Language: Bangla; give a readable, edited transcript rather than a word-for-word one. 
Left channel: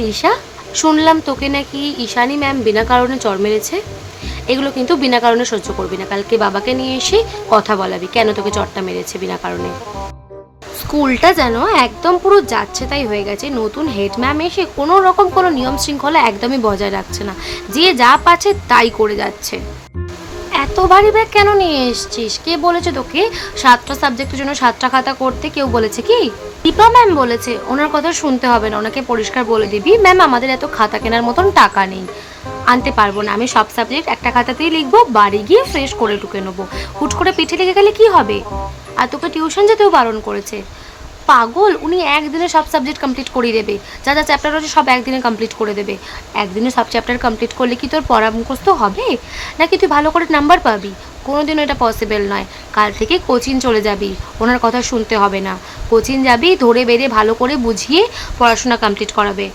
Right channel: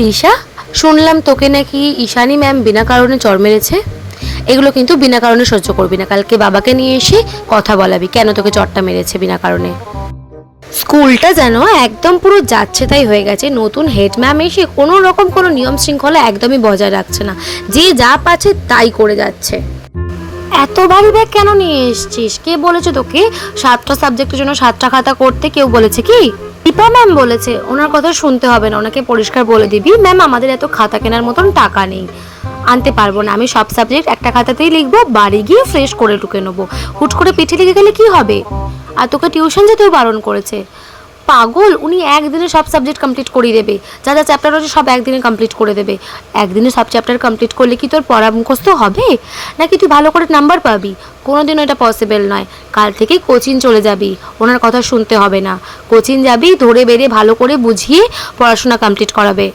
দিশা, শুনলাম তোকে নাকি ঈশানী ম্যাম বিনা কারণে চড় মেরেছে। এগুলো কিন্তু বিনা কারণে সহ্য করবি না, কালকে বাবাকে নিয়ে এসে কথা বলাবি কেন তোকে চড়টা মেরেছে বিনা কারণে। স্কুলটা যেন একদম পুরো যাচ্ছে তাই হয়ে গেছে। নতুন হেড ম্যাম এসে কোনো রকম কোনো নিয়ম শৃঙ্খলা একদমই বজায় রাখছে না, যে যা পাচ্ছে তাই করে যাচ্ছে। এত ভারী ব্যাগ কেন নিয়ে এসছিস? কে বলেছে তোকে 7টা সাবজেক্টের জন্য 7টা খাতা করতে? কেউ বলেছে কি? দীপা ম্যাম বলেছে। ওনার কথা শুনতে হবে না, ওনাকে পরিষ্কার বলে দিবি, ম্যাম আমাদের এত খাতা কেনার মতন টাকা নেই, আনতে পারবো না। আমি সব সাবজেক্ট একটা খাতাতেই লিখবো, বাড়ি গিয়ে ফ্রেশ করে টুকে নেবো। হুট করে পিঠে লেগে গেলে কি হবে? আর তোকে টিউশন যেতেও বারণ করেছে। পাগল, উনি একদিনে সব সাবজেক্ট কমপ্লিট করিয়ে দেবে। যা যা চ্যাপ্টার আছে সব একদিনে কমপ্লিট করে দেবে। একদিনে সব চ্যাপ্টার কমপ্লিট করলে কি তোর পড়া মুখস্থ হবে, নাকি তুই ভালো করে নাম্বার পাবি? কোনোদিনও এটা পসিবল নয়। কাল থেকে কোচিং চলে যাবি, ওনার কথা শুনতে হবে না। কোচিং যাবি, ধরে বেড়ে ভালো করে বুঝিয়ে পড়াশোনা কমপ্লিট করাবে।